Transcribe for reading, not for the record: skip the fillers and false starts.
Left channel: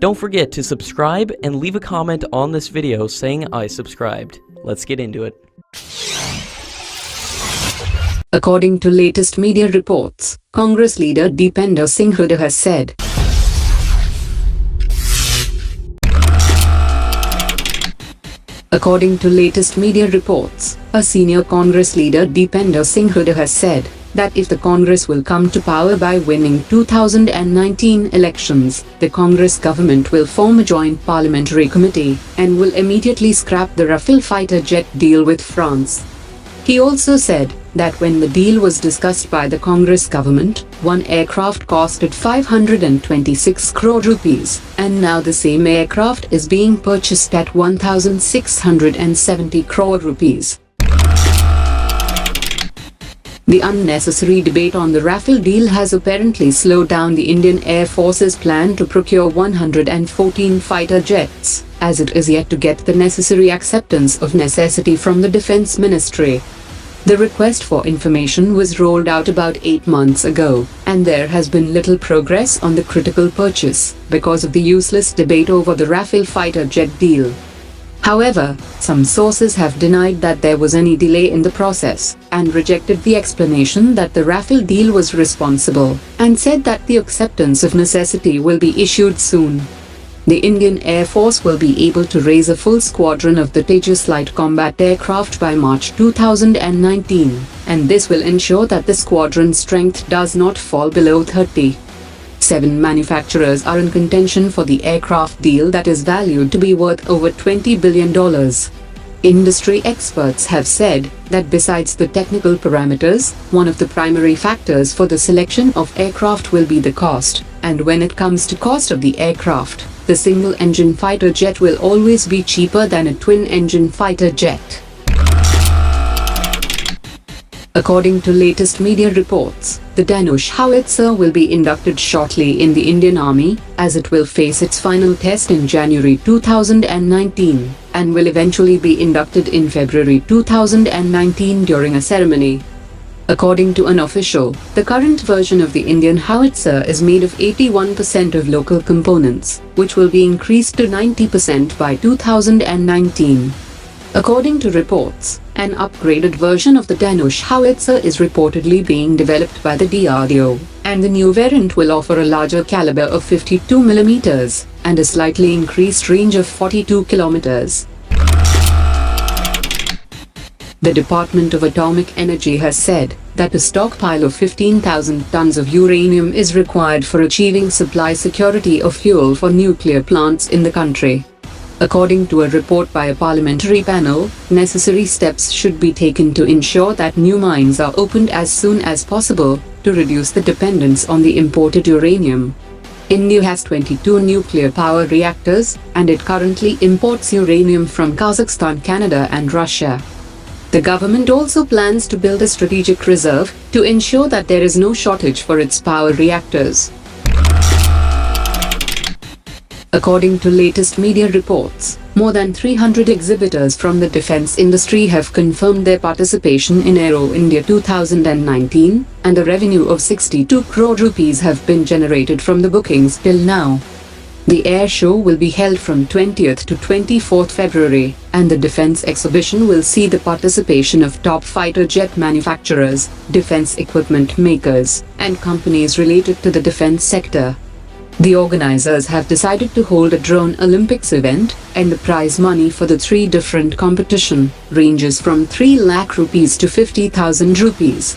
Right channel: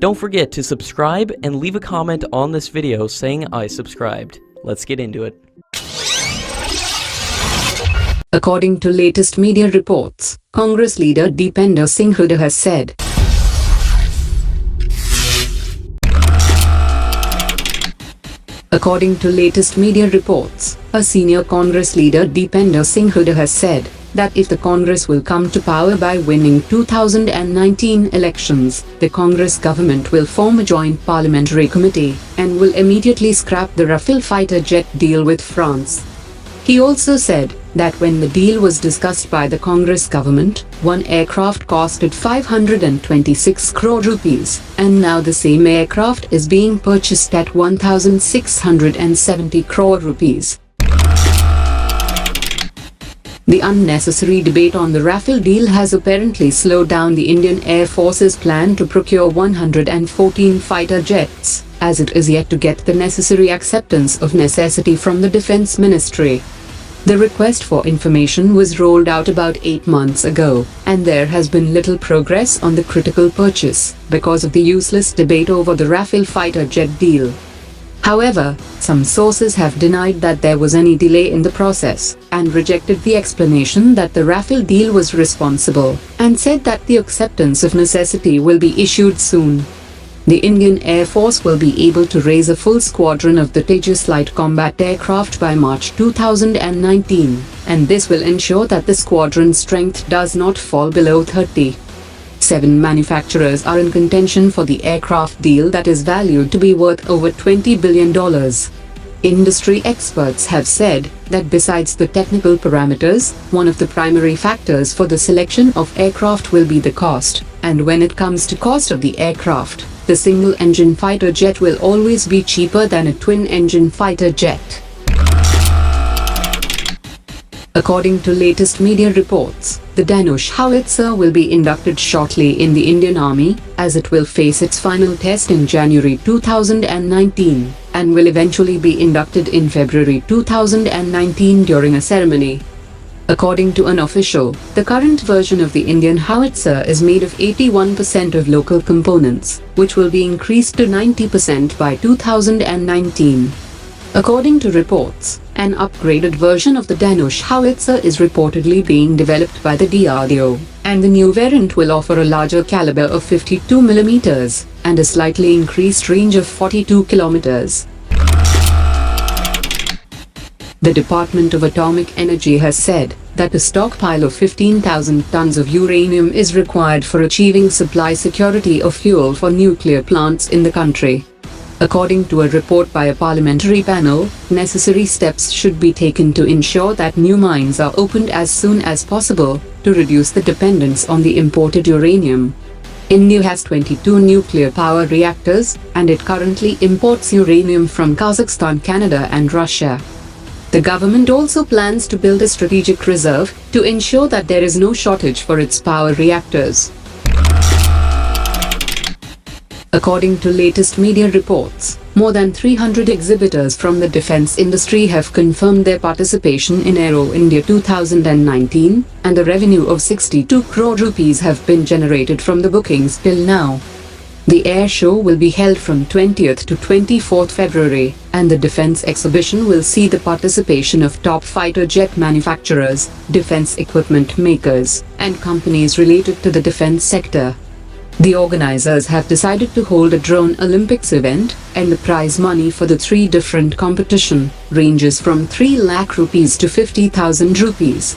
Don't forget to subscribe and leave a comment on this video saying I subscribed. Let's get into it. According to latest media reports, Congress leader Dipender Singh Hooda has said, According to latest media reports, a senior Congress leader Dipender Singh Hooda has said that if the Congress will come to power by winning 2019 elections, the Congress government will form a joint parliamentary committee and will immediately scrap the Rafale fighter jet deal with France. He also said that when the deal was discussed by the Congress government, one aircraft costed 526 crore rupees, and now the same aircraft is being purchased at 1,670 crore rupees. The unnecessary debate on the Rafale deal has apparently slowed down the Indian Air Force's plan to procure 114 fighter jets, as it is yet to get the necessary acceptance of necessity from the Defence Ministry. The request for information was rolled out about 8 months ago, and there has been little progress on the critical purchase because of the useless debate over the Rafale fighter jet deal. However, some sources have denied that there was any delay in the process, and rejected the explanation that the Rafale deal was responsible, and said that the acceptance of necessity will be issued soon. The Indian Air Force will be able to raise a full squadron of the Tejas light combat aircraft by March 2019, and this will ensure that the squadron strength does not fall below 30. 7 manufacturers are in contention for the aircraft deal that is valued to be worth over $20 billion. Industry experts have said that besides the technical parameters, one of the primary factors for the selection of aircraft will be the cost, and when it comes to cost of the aircraft, the single-engine fighter jet will always be cheaper than a twin-engine fighter jet. According to latest media reports, the Danish Howitzer will be inducted shortly in the Indian Army, as it will face its final test in January 2019, and will eventually be inducted in February 2019 during a ceremony. According to an official, the current version of the Indian Howitzer is made of 81% of local components, which will be increased to 90% by 2019. According to reports, an upgraded version of the Danish Howitzer is reportedly being developed by the DRDO, and the new variant will offer a larger caliber of 52 mm and a slightly increased range of 42 km. The Department of Atomic Energy has said that a stockpile of 15,000 tons of uranium is required for achieving supply security of fuel for nuclear plants in the country. According to a report by a parliamentary panel, necessary steps should be taken to ensure that new mines are opened as soon as possible to reduce the dependence on the imported uranium. India has 22 nuclear power reactors, and it currently imports uranium from Kazakhstan, Canada, and Russia. The government also plans to build a strategic reserve to ensure that there is no shortage for its power reactors. According to latest media reports, more than 300 exhibitors from the defense industry have confirmed their participation in Aero India 2019, and a revenue of 62 crore rupees have been generated from the bookings till now. The air show will be held from 20th to 24th February, and the defense exhibition will see the participation of top fighter jet manufacturers, defense equipment makers, and companies related to the defense sector. The organizers have decided to hold a drone Olympics event, and the prize money for the 3 different competition ranges from 3 lakh rupees to 50,000 rupees.